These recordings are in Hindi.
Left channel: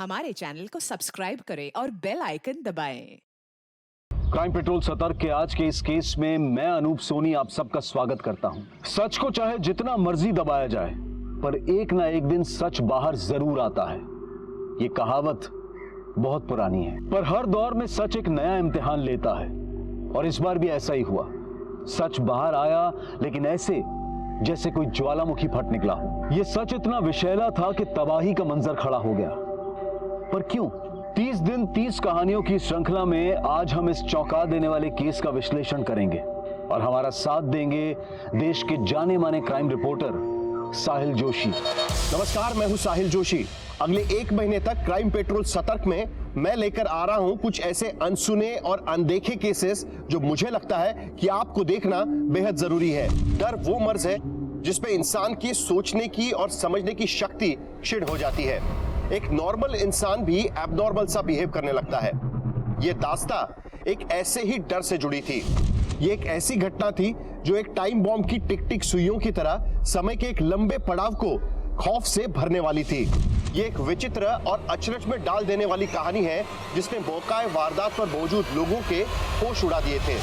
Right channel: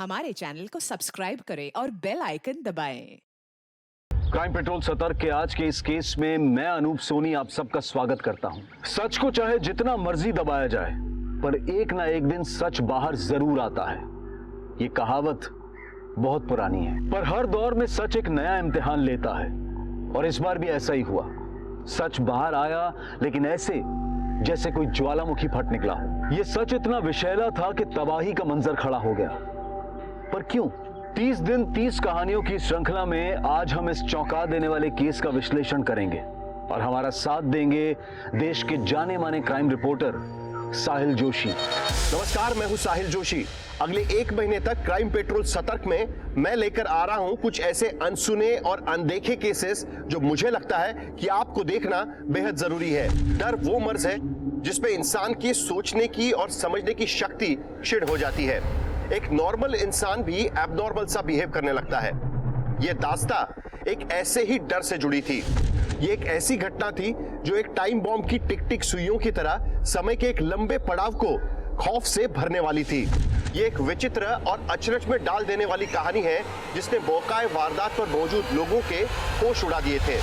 हमारे चैनल को सब्सक्राइब करें और बेल आइकन दबाएं। क्राइम पेट्रोल सतर्क के आज के इस केस में मैं अनूप सोनी आप सबका स्वागत करता हूं। सच को चाहे जितना मर्जी दबाया जाए, पर एक ना एक दिन सच बाहर जरूर आता है। ये कहावत बहुत पुरानी है, पर हर दौर में सच एक नया इम्तिहान लेता है और इस बार भी ऐसा ही हुआ। सच बाहर आया, लेकिन ऐसे जैसे कोई ज्वालामुखी फट निकला हो। यह सच इतना विषैला था कि तबाही का मंजर खड़ा हो गया। पर क्यों? 30 दिन 30 कहानियों की श्रृंखला में आज हम इस चौंका देने वाले केस का विश्लेषण करेंगे और हमारा साथ देंगे देश के जाने माने क्राइम रिपोर्टर साहिल जोशी। नमस्कार, मैं हूं साहिल जोशी। अगले 1 महीने तक क्राइम पेट्रोल सतर्क में मैं लेकर आ रहा हूं कुछ ऐसे अनसुने और अनदेखे केसेस जो मुझे लगता है कि आपको देखना बेहद जरूरी है। डर वो मर्ज है जिसपे इंसान की सोचने की और समझने की शक्ति क्षीण हो जाती है। एक नॉर्मल इंसान भी एबनॉर्मल सा बिहेव करने लगता है। यह दास्ता एक ऐसे ही डर से जुड़ी थी। ये एक ऐसी घटना थी जो एक टाइम बॉम्ब की टिक टिक सुइयों की तरह समय के एक लंबे पड़ाव को खौफ से भरने वाली थी। ये एक विचित्र और अचरज में डाल देने वाली कहानी है जिसने मौकाए वारदात पर मौजूद लोगों के होश उड़ा दिए थे।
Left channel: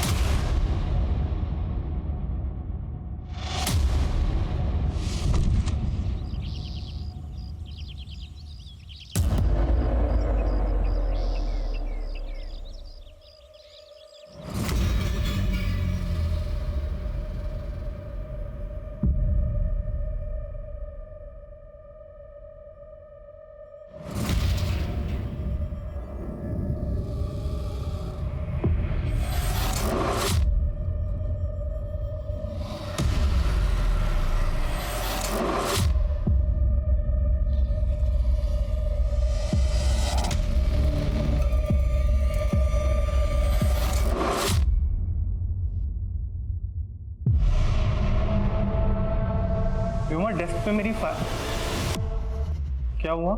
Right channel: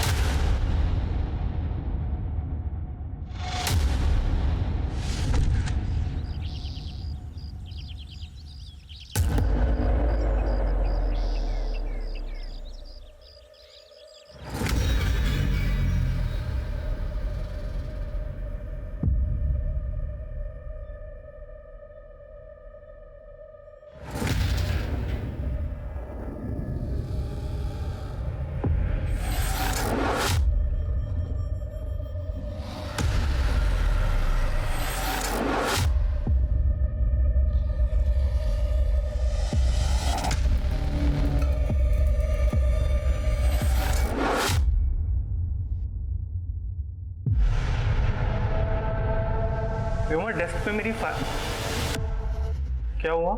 व्योमा, डेस्क पे मेरी क्या हुआ?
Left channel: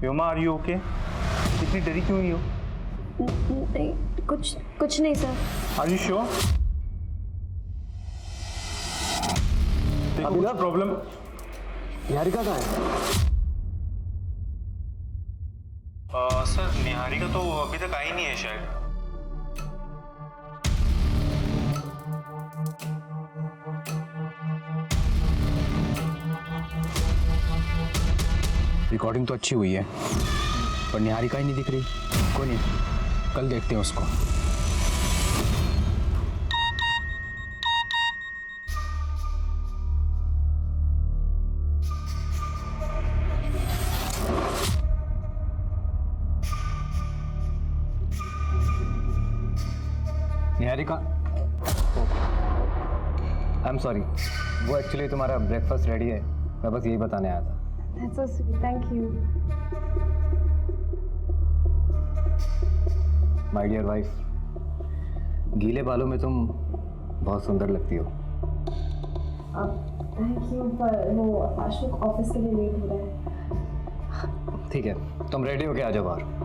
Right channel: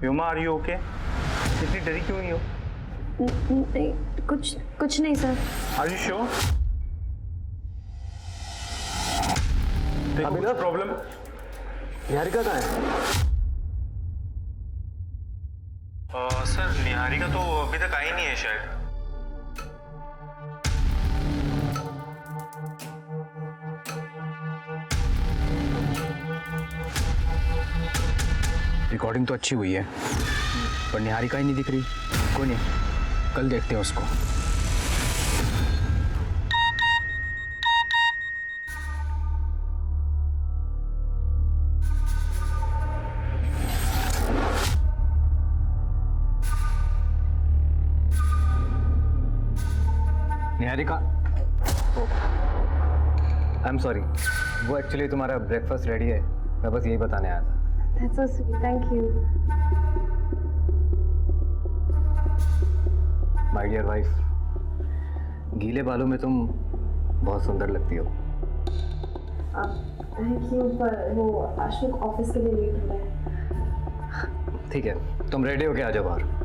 Vyoma, are you okay? इतनी डरी क्यों हुई हो? नहीं, कुछ नहीं सर। Are you sure? देखो कुछ प्रॉब्लम। निहारिका कहाँ है? सर, निहारिका तो अभी तक आई नहीं है शायद। रिकॉर्डिंग तो अच्छी हुई है, पर निहारिका ही नहीं दिख रही। कोई नहीं, कल देखते हैं उसको। निहारिका, आई एम सॉरी, वो एक्चुअली तुम्हारा ब्रेकफास्ट रेडी है, मैं बस यही बताने आया था। That's so sweet. Thank you. My dear wife, गीले बालों में तुम बहुत सुंदर लगती हो। थैंक यू, पर वो अशोक ऑफिस के लिए लेट हो रहा है। ठीक है, तुम रेडी होके आ जाओ बाहर।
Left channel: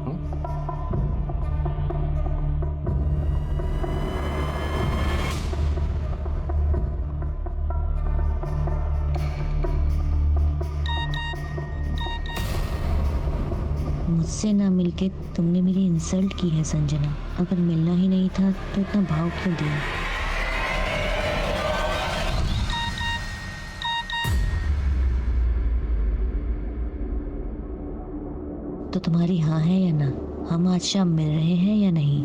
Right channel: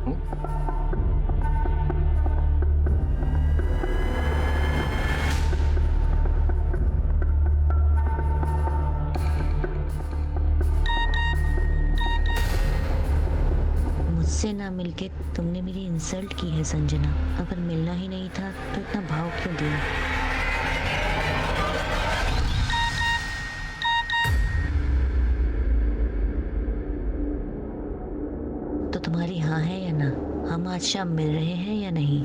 मुझसे ना मिलके तुमने मेरी इंसल्ट की है संजना। अगर मिलना ही नहीं था तो इतना भाव क्यों दिया? तो तुम्हारी हाँ है या ना? हम आज शाम मिल रहे हैं या नहीं?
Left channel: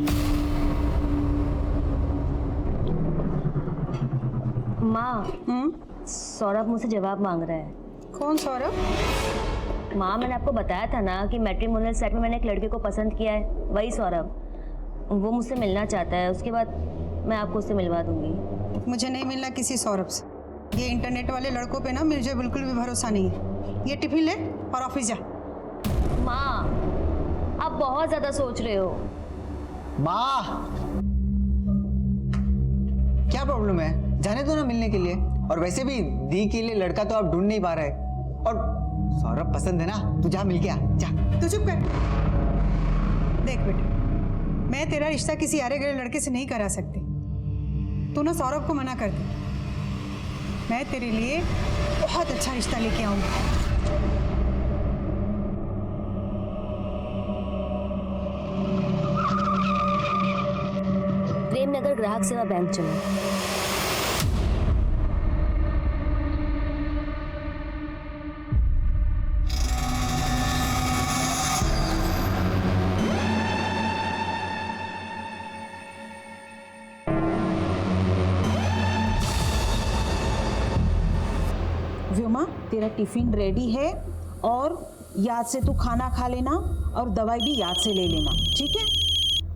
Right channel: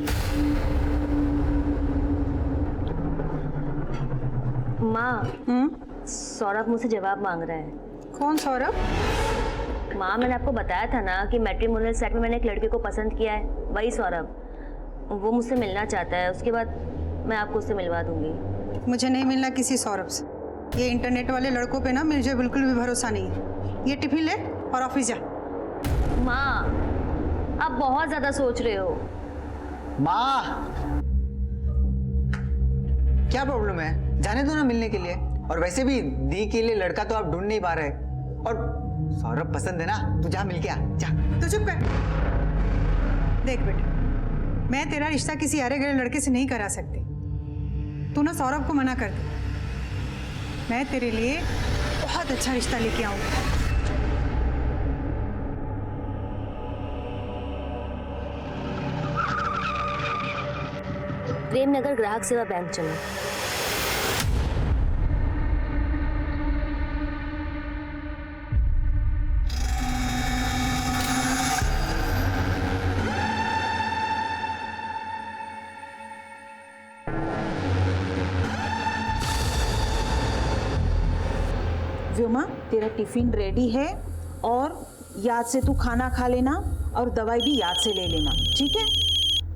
माँ, सौरभ मुझसे जवाब मांग रहा है। कौन सौरभ? माँ, मैंने आपको बताया था ना कि मैट्रिमोनियल साइट में मैंने एक लड़के को पसंद किया है, वही सौरभ। वो मुझसे मिलना चाहता है, उसके बाद मैं आपको उससे मिलवा दूंगी। मुझे नहीं मिलना किसी सौरभ से। ये इंटरनेट वाले लड़कों पे ना मुझे बिल्कुल भी भरोसा नहीं है। ये टिफिन ले और ऑफिस जा। माँ, आप बहुत ज्यादा सोच रहे हो। माँ, क्या प्रॉब्लम है? जाने दो ना मिलने के लिए। और वैसे भी दी के लिए लड़का तो आप ढूंढ नहीं पा रहे। और सौरभ पसंद है ना, तू जा मिल के आ, जा। तू चुप कर। देख बेटा, मैं तेरा रिश्ता किसी आरे गए लड़के से नहीं करा सकती। तू ना सौरभ को मना कर दे। मैं तेरे लिए बहुत अच्छा रिश्ता लेके आऊंगी। प्रेम नगर ग्राहक सेवा बैंक चलो। व्योमा, तेरा टिफिन रेडी है और याद से तू खाना खा लेना और दवाई भी याद से ले लेना, ठीक है?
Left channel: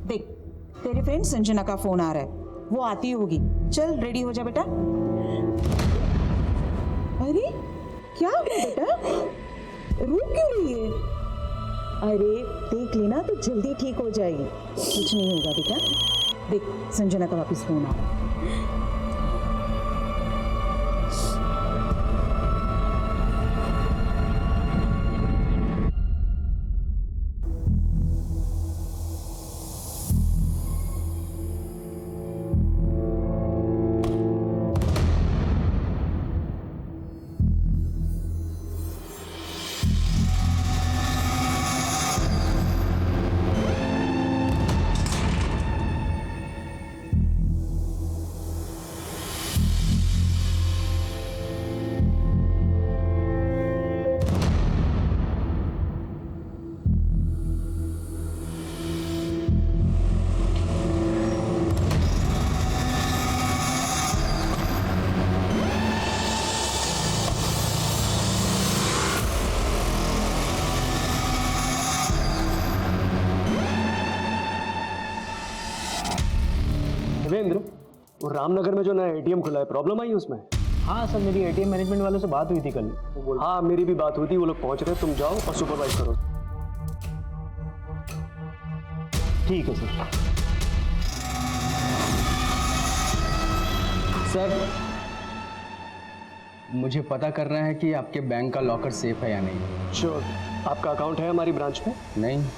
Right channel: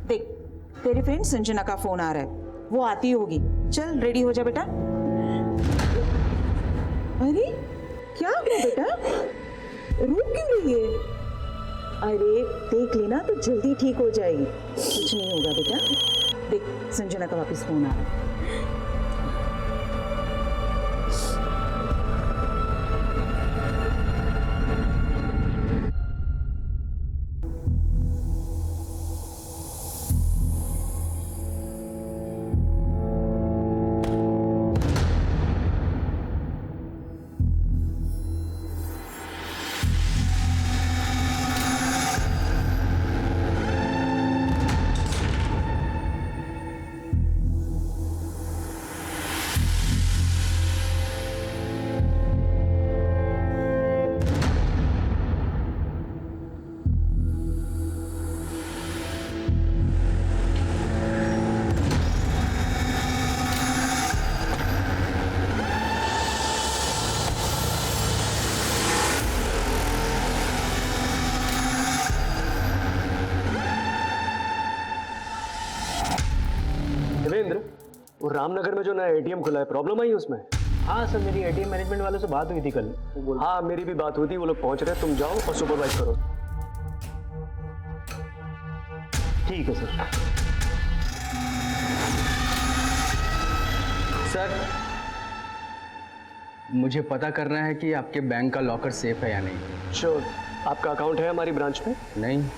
देख, तेरी फ्रेंड संजना का फोन आ रहा है, वो आती होगी। चल रेडी हो जा बेटा। अरे क्या हुआ बेटा, रो क्यों रही है? अरे देख लेना तो जल्दी ठीक हो जाएगी, कुछ नहीं होगा बेटा। देख, संजना का वापस फोन आ रहा है। देवेंद्र, वो रामनगर में जो नया एटीएम खुला है, प्रॉब्लम आई उसमें? हाँ सर, मेरी एटीएम मैनेजमेंट वालों से बात हुई थी कल। हाँ, मेरी भी बात हुई थी, वो लोग पहुंच रहे हैं, तुम जाओ और सुपरवाइज करो। ठीक है सर। सर, मुझे पता करना है कि आपके बैंक का लॉकर सेफ है या नहीं। श्योर। आपका अकाउंट है हमारी ब्रांच में? नहीं।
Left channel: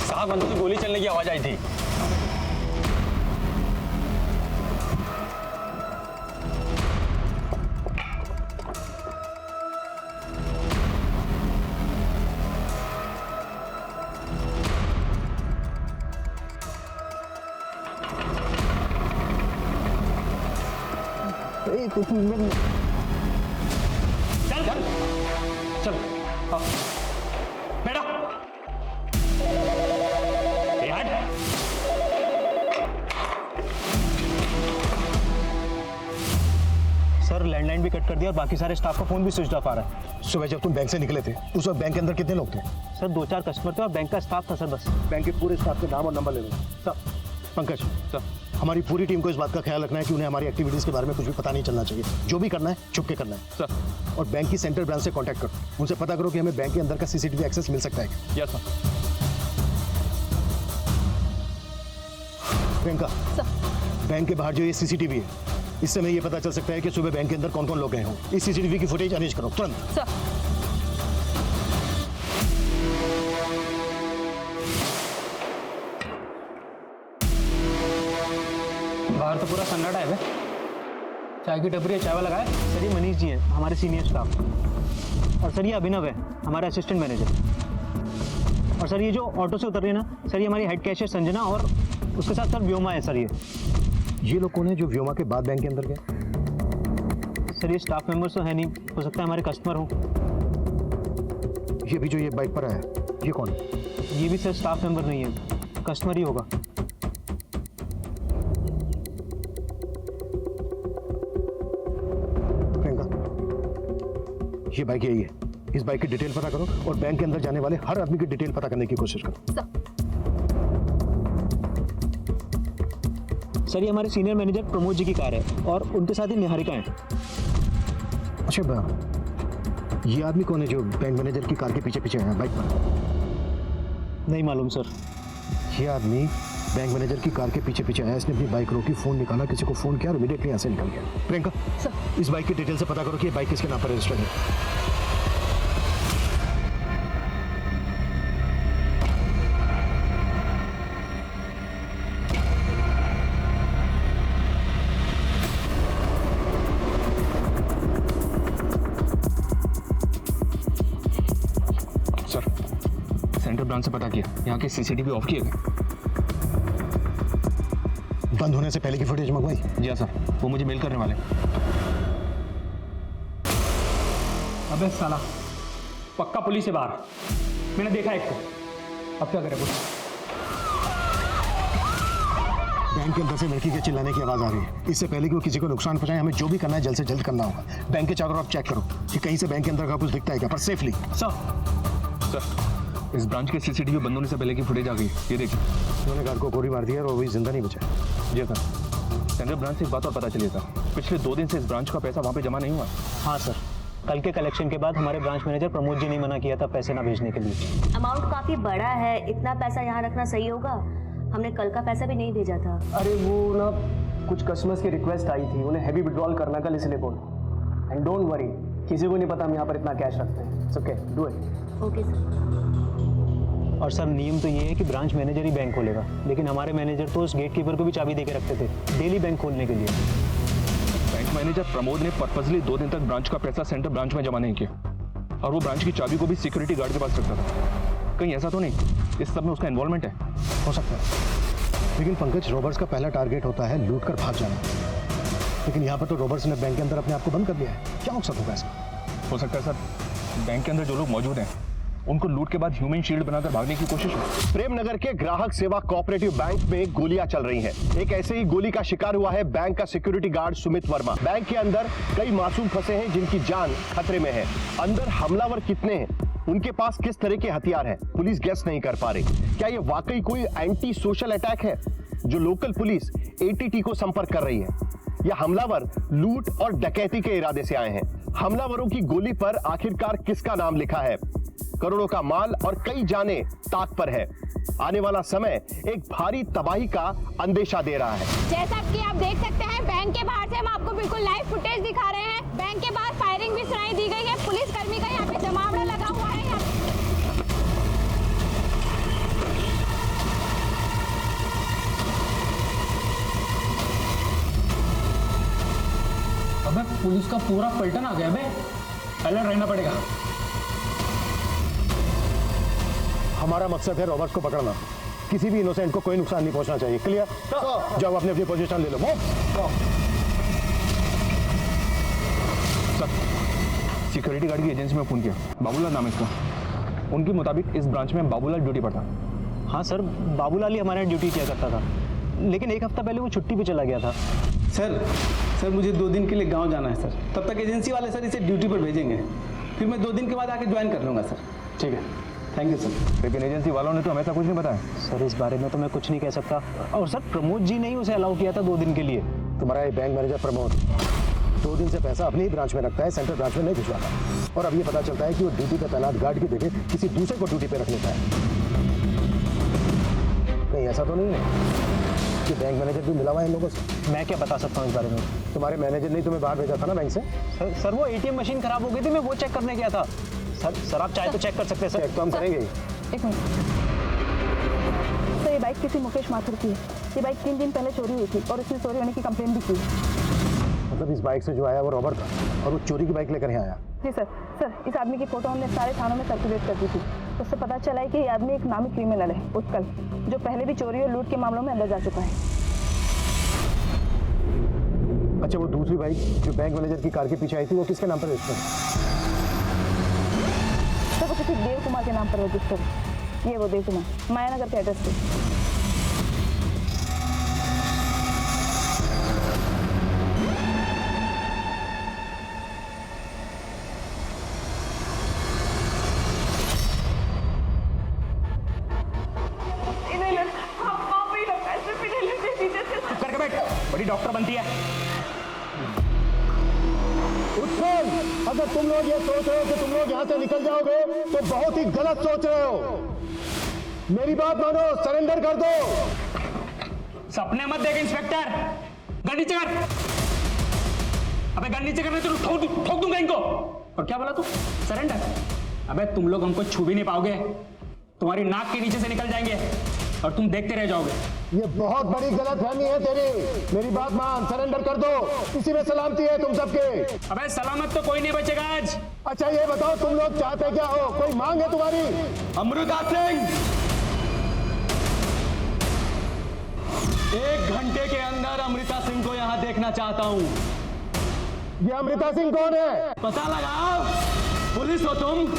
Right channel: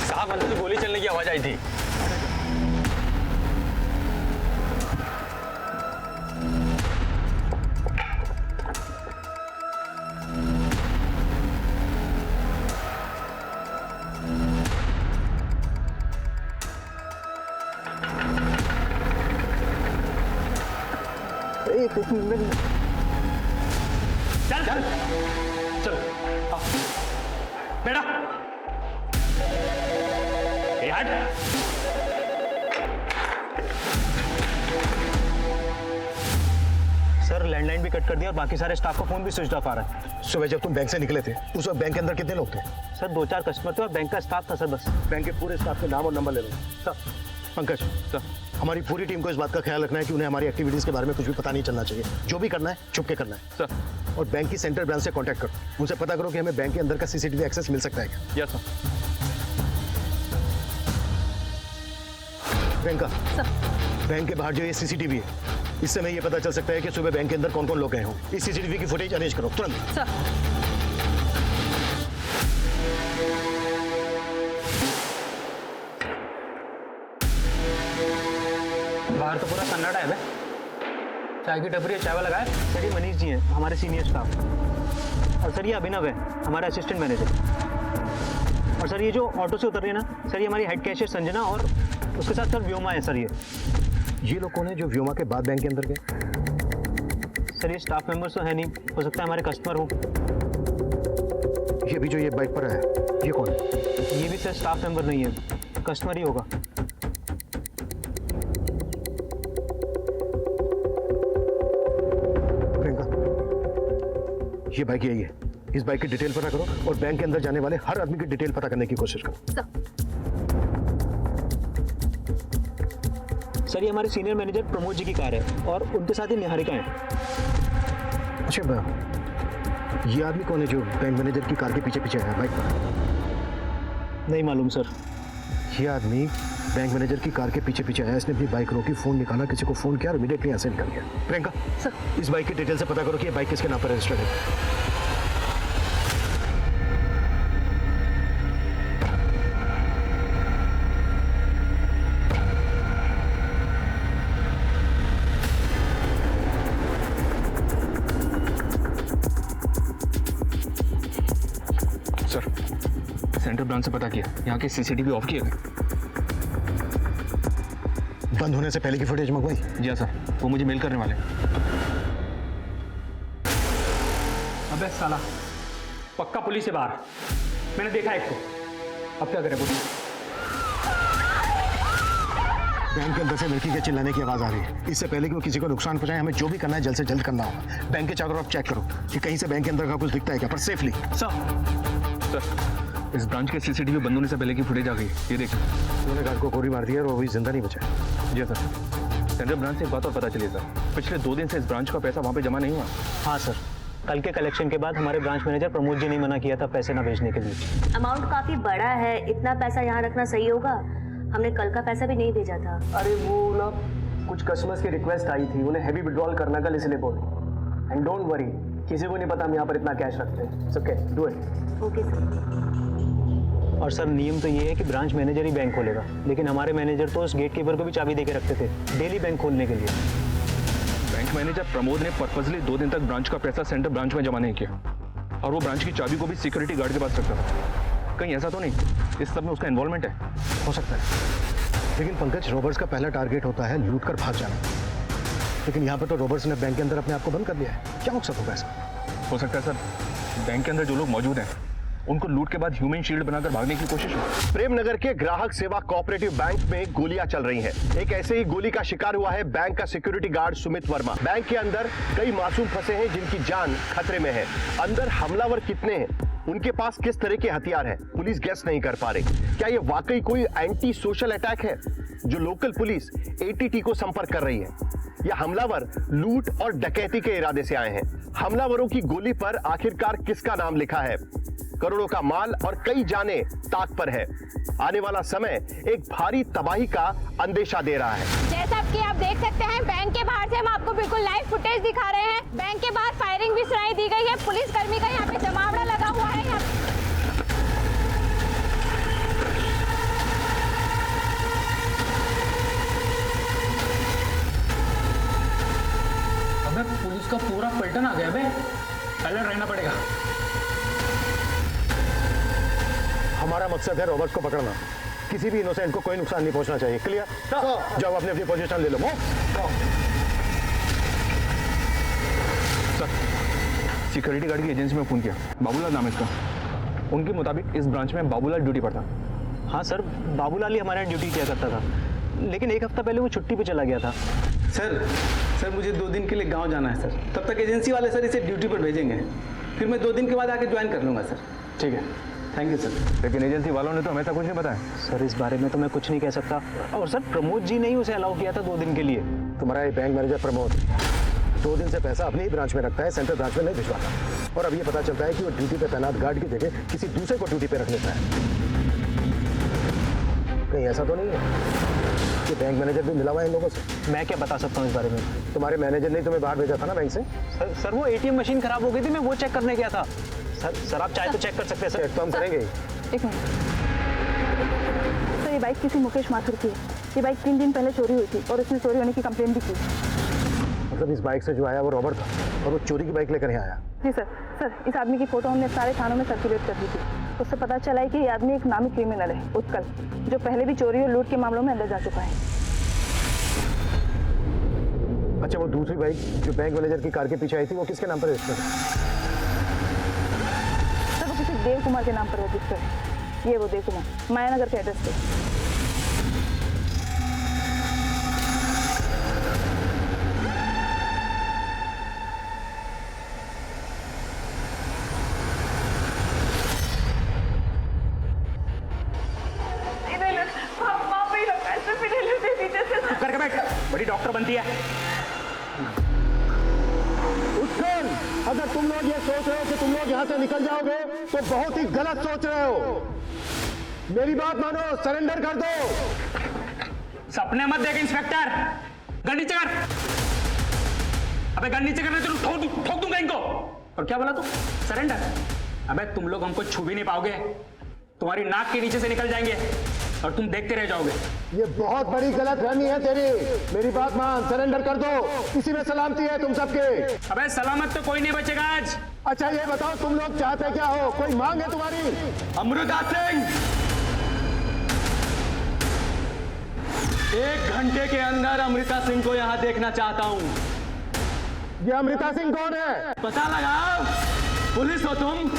साहब, अंदर गोली चलने की आवाज आई थी। चल चल चल, आओ बेटा। ए हट। सर, लैंडलाइन भी कट कर दिया और बाकी सारे स्टाफ का फोन भी स्विच ऑफ आ रहा है। सुबह जब तुम बैंक से निकले थे उस वक्त बैंक के अंदर कितने लोग थे? सर, 2-4 कस्टमर थे और बैंक का स्टाफ था सर, बस। बैंक के पूरे स्टाफ के नाम और नंबर ले लो। सर। पंकज सर, हमारी पूरी टीम को इस बात का ख्याल रखना है कि उन्हें हमारी एक्टिविटीज के बारे में कुछ भी पता नहीं चलना चाहिए। जो भी करना है छुप के करना है सर। और बैंक की सेंट्रल ब्रांच से कांटेक्ट करो, उनसे पता करो कि हमें बैंक के अंदर का सीसीटीवी एक्सेस मिल सकता है क्या। Yes sir. प्रियंका, बैंक के बाहर जो ये सीसीटीवी है, इससे हमें ये पता चल सकता है कि सुबह बैंक के अंदर कौन कौन लोग गए हों। इस सीसीटीवी की फुटेज अरेंज करो तुरंत। सर। बाहर तो पूरा सन्नाटा है बे। चाय की टपरी है, चाय वाला लगाए। सर, ये मनीष जी हैं, हमारे सीनियर स्टाफ। और सर, ये अभिनव है, हमारा असिस्टेंट मैनेजर। और सर, ये जो ऑटो से उतर रही है ना सर, ये हमारी हेड कैशियर संजना और उसके साथ सर व्योमा है सर। ये लोग कौन है जो व्योमा के बाद बैंक के अंदर गए? सर, ये स्टाफ मेंबर्स तो है नहीं, हो सकता है हमारे कस्टमर हो। ये भी जो ये बाइक पर है, ये कौन है? ये भी सर स्टाफ मेंबर नहीं है, कस्टमर ही होगा। प्रियंका, ये बाइक यही है। इस बाइक की डिटेल पता करो और बैंक के अंदर जाने वाले हर आदमी की डिटेल पता करने की कोशिश करो। सर, ये हमारे सीनियर मैनेजर प्रमोद जी की कार है और उनके साथ ही निहारिका है। अच्छा, ये आदमी कौन है जो बैंक मैनेजर की कार के पीछे पीछे है बाइक पर? नहीं मालूम सर। ये आदमी बैंक मैनेजर की कार के पीछे पीछे आया, इसने अपनी बाइक रोकी, फोन निकाला, किसी को फोन किया और इमीडिएटली यहाँ से निकल गया। प्रियंका सर, इस बाइक की डिटेल से पता करो कि ये बाइक किसके नाम पर रजिस्टर्ड है। ब्रांच से पता किया, यहाँ के सीसीटीवी ऑफ किए गए। बंद होने से पहले की फुटेज मंगवाई? जी हाँ सर, वो मुझे मेल करने वाले हैं। अबे साला, पक्का पुलिस है बाहर, मैंने देखा एक को। अब क्या करें? बैंक के अंदर से लड़की के चिल्लाने की आवाज आ रही है। इससे पहले कि वो किसी को नुकसान पहुंचाए, हमें जो भी करना है जल्द से जल्द करना होगा। बैंक के चारों तरफ चेक करो कि कहीं से बैंक के अंदर का कुछ दिखता है क्या, पर सेफली। सर, इस ब्रांच के सीसीटीवी बंद होने से पहले की फुटेज आ गई, ये देखिए। उन्होंने गार्ड को गोली मार दिया और वो भी जिंदा नहीं बचा। जी सर। सेंट्रल ब्रांच से एक बात और पता चली सर, पिछले 2 दिन से इस ब्रांच का पैसा वहाँ पे जमा नहीं हुआ। हाँ सर, कल के कलेक्शन के बाद हमारे ब्रांच मैनेजर प्रमोद जी ने मना किया था पैसे ना भेजने के लिए। अमाउंट काफी बड़ा है, इतना पैसा यहाँ रखना सही होगा? हमने कल का पैसा भी नहीं भेजा था। अरे वो ना कुछ कस्टमर्स की रिक्वेस्ट आई थी, उन्हें हैवी विड्रॉल करना कल, इसलिए बोले। एंड डोंट वरी, किसी को नहीं पता हम यहाँ पर इतना कैश रखते हैं। It's okay, do it. Okay sir. और सर नियम तो ये है कि ब्रांच मैनेजर ही बैंक खोलेगा, लेकिन हमारे मैनेजर तो उस गेट कीपर को भी चाबी देके रखते थे डेली बैंक खोलने के लिए। बैंक मैनेजर प्रमोद ने पर्पसली 2 दिन तक ब्रांच का पैसा सेंट्रल ब्रांच में जमा नहीं किया, और वो ब्रांच की चाबी को भी सिक्योरिटी गार्ड के पास रखता था। कहीं ऐसा तो नहीं इस सब में उसका इन्वॉल्वमेंट है? हो सकता है, लेकिन पंकज, रॉबर्ट्स का पहला टारगेट होता है लूट कर भाग जाना। लेकिन यहाँ पर तो रॉबर्ट्स ने बैंक के अंदर अपने आप को बंद कर लिया है। क्या मकसद होगा इसका? हो सकता है सर, बैंक के अंदर जो लोग मौजूद हैं उनको लूट के बाद ह्यूमन शील्ड बनाकर भागने की कोशिश हो। प्रेमनगर के ग्राहक सेवा कोऑपरेटिव बैंक में गोलियां चल रही हैं। एक ऐसे ही गोली का शिकार हुआ है बैंक का security guard Sumit Verma. Bank के अंदर कई मासूम फंसे हैं जिनकी जान खतरे में है। अंदर हमलावर कितने हैं, उनके पास किस तरह के हथियार हैं, पुलिस गेस नहीं कर पा रही। क्या ये वाकई कोई एंटी सोशल अटैक है जो लोकल पुलिस एटीटी को संपर्क कर रही है, या हमलावर लूट और डकैती के इरादे से आए हैं? हमलावरों की गोली पर आखिरकार किसका नाम लिखा है? करोड़ों का माल और कई जाने ताक पर है। आने वाला समय एक भारी तबाही का अंदेशा दे रहा है। जैसा कि आप देख सकते हैं, बैंक के बाहर से हम आपको बिल्कुल लाइव फुटेज दिखा रहे हैं। बैंक के बाहर फायरिंग भी सुनाई दी गई है, पुलिस कर्मी का यहाँ पे जमावड़ा लगा हुआ है। अबे पुलिस का पूरा पलटन आ गया बे, अलर्ट रहना पड़ेगा। हमारा मकसद है रॉबर्ट्स को पकड़ना। किसी भी इनोसेंट को कोई नुकसान नहीं पहुंचना चाहिए। क्लियर? जाओ अपनी अपनी पोजीशन ले लो। सर, सिक्योरिटी गार्ड की एजेंसी में फोन किया, बाबूलाल नाम है इसका। उनके मुताबिक इस ब्रांच में बाबूलाल ड्यूटी पर था। हाँ सर, बाबूलाल ही हमारे यहाँ ड्यूटी किया करता था, लेकिन एक हफ्ता पहले वो छुट्टी पे चला गया था। सर मुझे 2 दिन के लिए गांव जाना है सर, तब तक एजेंसी वाले सर इसे ड्यूटी पर भेजेंगे, फिर मैं 2 दिन के बाद आके ज्वाइन कर लूँगा सर। ठीक है, थैंक यू सर। लेकिन एजेंसी वालों ने तो हमें ऐसा कुछ नहीं बताया। सर इस बारे में तो मैं कुछ नहीं कह सकता, और सर प्रमोद जी ने ही उसे अलाउ किया था 2 दिन के लिए। तुम्हारा ये बैंक मैनेजर प्रमोद 2 दिन से पैसा अपनी ही ब्रांच में रखता है, सेंट्रल ब्रांच में नहीं भिजवाता। और अब ये पता चलता है कि वो ड्यूटी पे तैनात गार्ड की जगह किसी दूसरे को ड्यूटी पे रख लेता है। कहीं ऐसा तो नहीं है कि बैंक मैनेजर भी मिला हुआ है इन लोगों से? मैं क्या बता सकता हूँ इस बारे में? तुम्हारे मैनेजर ने तुम्हें बाहर भेजा था ना बैंक से? सर वो ATM मशीन खराब हो गई थी, मैं वो चेक करने गया था। सर आप चाहे तो चेक कर सकते हैं। सर चेक तो हम करेंगे ही। एक मिनट सर, ये बाइक किसी मुकेश माथुर की है। ये बाइक 3 दिन पहले चोरी हुई थी और उसने चोरी होने की कंप्लेंट भी की। मतलब इस बाइक से जो आया वो रॉबर्ट था और वो चोरी की बाइक लेकर यहाँ आया? जी सर, इस आदमी की फोटो हमने सारे थानों में सर्कुलेट कर दी थी। उससे पता चला है कि ये आदमी एक नामी क्रिमिनल है, उत्कल, जो पहले भी चोरी और लूट के मामलों में अंदर जा चुका है। अच्छा, वो दूसरी बाइक जो बैंक मैनेजर की कार के पीछे आई थी वो किसके नाम पर रजिस्टर है? सर वो किसी देव कुमार के नाम पर रजिस्टर है। ये वो देव कुमार, मायानगर के एड्रेस पे। करके बैठ, बड़ी डॉक्टर बनती है। उत्कल, अगर तुम लोग ये सोच रहे हो कि तुम लोग यहाँ से निकल जाओगे तो बहुत ही गलत सोच रहे हो। मेरी बात मानो, सरेंडर कर दो। सपने मत देख इंस्पेक्टर, गन नीचे कर। अबे गन नीचे करने तो ठोक दूंगा इनको। और क्या बोला तू? सरेंडर? अबे तुम लोग हमको छू भी नहीं पाओगे, तुम्हारी नाक के नीचे से निकल जाएंगे। और तुम देखते रह जाओगे। ये बहुत बड़ी गलतफहमी है तेरी। मेरी बात मान, सरेंडर कर दो, इसी में सलामती है तुम सबके। अबे सलामत तो कोई नहीं बचेगा आज। अच्छा ये बताओ तुम लोग चाहते क्या हो, कोई मांग है तुम्हारी? अमृता सिंह, 1 घंटे के अंदर अमृता सिंह को यहाँ देखना चाहता हूँ। ये अमृता सिंह कौन है? पता लगाओ, पुलिस हो तुम।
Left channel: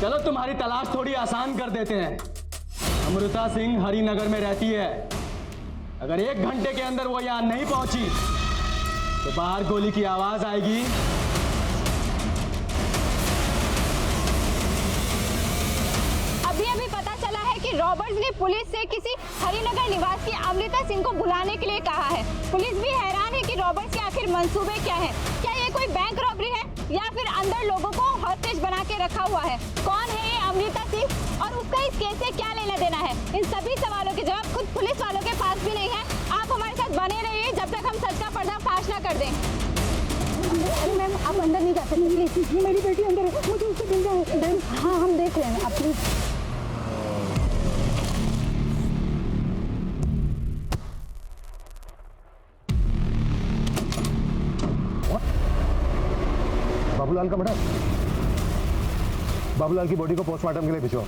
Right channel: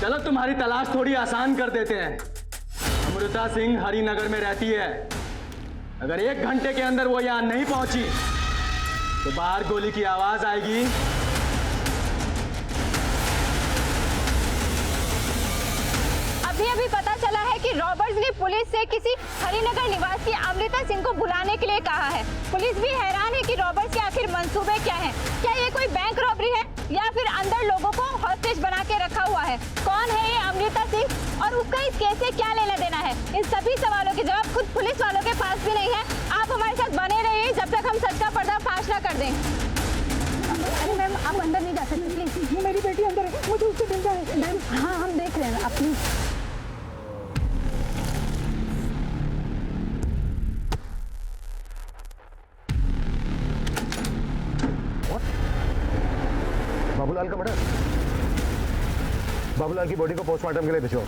चलो तुम्हारी तलाश थोड़ी आसान कर देते हैं। अमृता सिंह हरिनगर में रहती है। अगर 1 घंटे के अंदर वो यहां नहीं पहुंची तो बाहर गोली की आवाज आएगी। अभी पता चला है कि रॉबर्ट्स ने पुलिस से किसी हरिनगर निवासी अमृता सिंह को बुलाने के लिए कहा है। पुलिस भी हैरान है कि रॉबर्ट्स के आखिर मंसूबे क्या हैं। क्या ये कोई बैंक रॉबरी है या फिर अंदर लोगों को हॉस्टेज बना के रखा हुआ है? कौन है ये अमृता सिंह और उसका इस केस से क्या लेना देना है? इन सभी सवालों के जवाब खुद पुलिस वालों के पास भी नहीं है। आप हमारे साथ बने रहिए जब तक हम सच का पर्दाफाश न कर दें। अरे मैम, आप अंदर नहीं जा सकते प्लीज। मेरी बेटी अंदर है, मुझे उससे मिलना है। मैम हाँ, हम देख रहे हैं, आप प्लीज। बाबूलाल का मर्डर? बाबूलाल की बॉडी को पोस्टमार्टम के लिए भिजवाओ।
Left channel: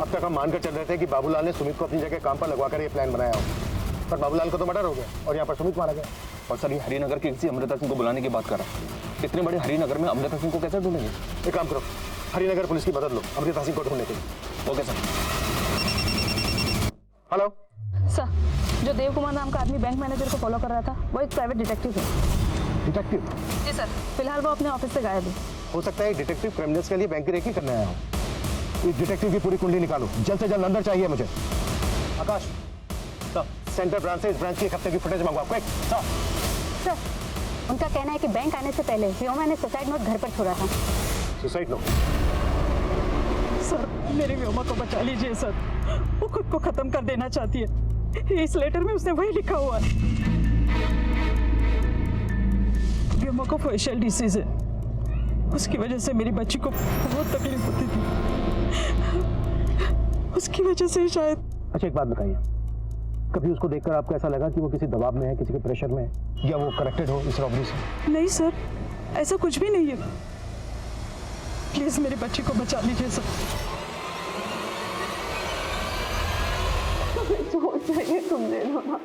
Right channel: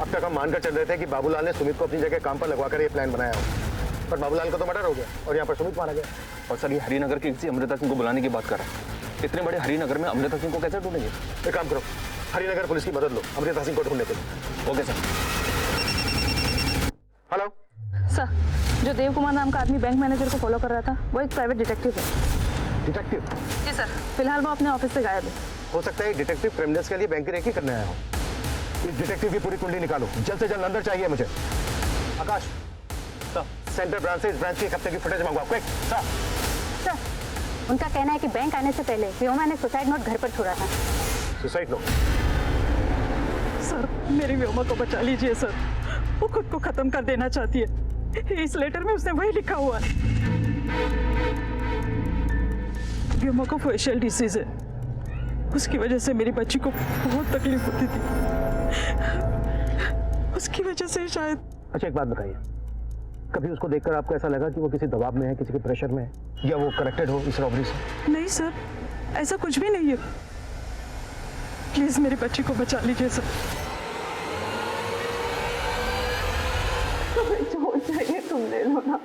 अब तक हम मानकर चल रहे थे कि बाबूलाल ने सुमित को अपनी जगह काम पर लगवाकर ये प्लान बनाया हो, पर बाबूलाल का तो मर्डर हो गया और यहाँ पर सुमित मारा गया। और सर ये हरिनगर की किसी अमृता सिंह को बुलाने की बात कर रहा है। इतने बड़े हरिनगर में अमृता सिंह को कैसे ढूंढेंगे? एक काम करो, हरिनगर पुलिस की मदद लो अमृता सिंह को ढूंढने के लिए। Okay sir. हेलो सर, जो देव कुमार नाम का आदमी बैंक मैनेजर को फॉलो कर रहा था वो एक प्राइवेट डिटेक्टिव है। डिटेक्टिव? जी सर, फिलहाल वो अपने ऑफिस से गायब है। हो सकता है डिटेक्टिव क्रिमिनल्स के लिए बैंक की रेकी करने आया हो। इस डिटेक्टिव की पूरी कुंडली निकालो, जल्द से जल्द अंदर चाहिए मुझे। आकाश सर, सेंटर ब्रांच से इस ब्रांच की 1 हफ्ते की फुटेज मंगवाओ, क्विक। सर, उनका कहना है कि बैंक आने से पहले व्योमा ने सुसाइड नोट घर पर छोड़ा था। Suicide note? सर, मेरी व्योमा को बचा लीजिए सर, वो खुद को खत्म कर देना चाहती है। इस लेटर में उसने वही लिखा हुआ है। व्योमा को फेशियल डिसीज है, उसकी वजह से मेरी बच्ची को बहुत तकलीफ होती थी, उसकी वजह से शायद। अच्छा एक बात बताइए, कभी उसको देखकर आपको ऐसा लगा कि वो किसी दबाव में है, किसी के प्रेशर में है, या वो कनेक्टेड हो इस रॉबरी से? नहीं सर, ऐसा कुछ भी नहीं है। प्लीज मेरी बच्ची को बचा लीजिए सर। जो चाहिए तुम ले लो ना,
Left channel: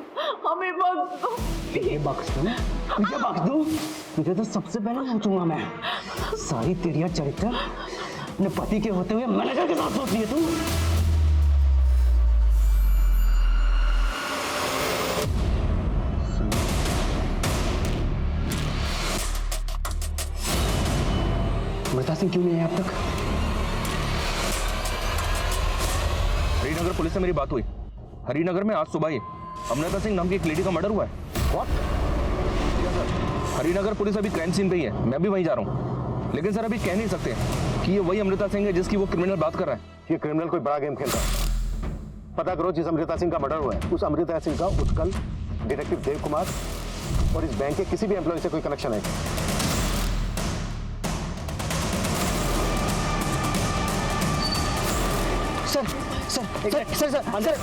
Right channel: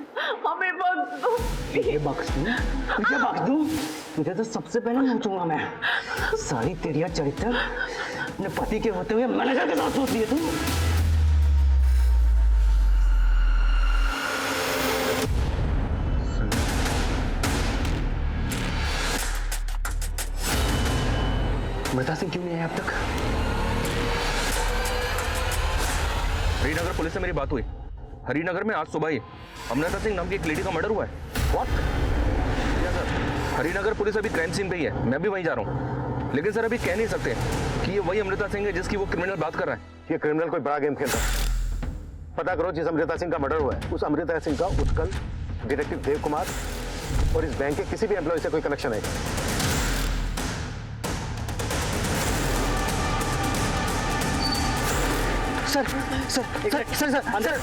हमें बख्श दो। तुझे बख्श दूं? तुझे बख्श दूं? तुझे तो सबसे पहले नोचूंगा मैं। सारी तेरिया चरित्र अपने पति के होते हुए मैनेजर के साथ सोचती है तू। अमृता सिंह क्यों नहीं आया अब तक? हरिनगर पुलिस से मेरी बात हुई। हरिनगर में आज सुबह ही अमृता सिंह नाम की एक लेडी का मर्डर हुआ है। What? Yes sir, Harinagar police अभी क्राइम सीन पे ही है, मैं भी वहीं जा रहा हूँ। लेकिन सर अभी कह नहीं सकते कि ये वही अमृता सिंह है जिसकी वो क्रिमिनल बात कर रहा है। ये क्रिमिनल कोई बड़ा गेम खेल रहा है। पता करो जिस अमृता सिंह का मर्डर हुआ है, उस अमृता सिंह का उत्कल, डिटेक्टिव देव कुमार और इस बैंक के किसी भी एम्प्लॉय से कोई कनेक्शन है? Sir sir sir sir sir sir,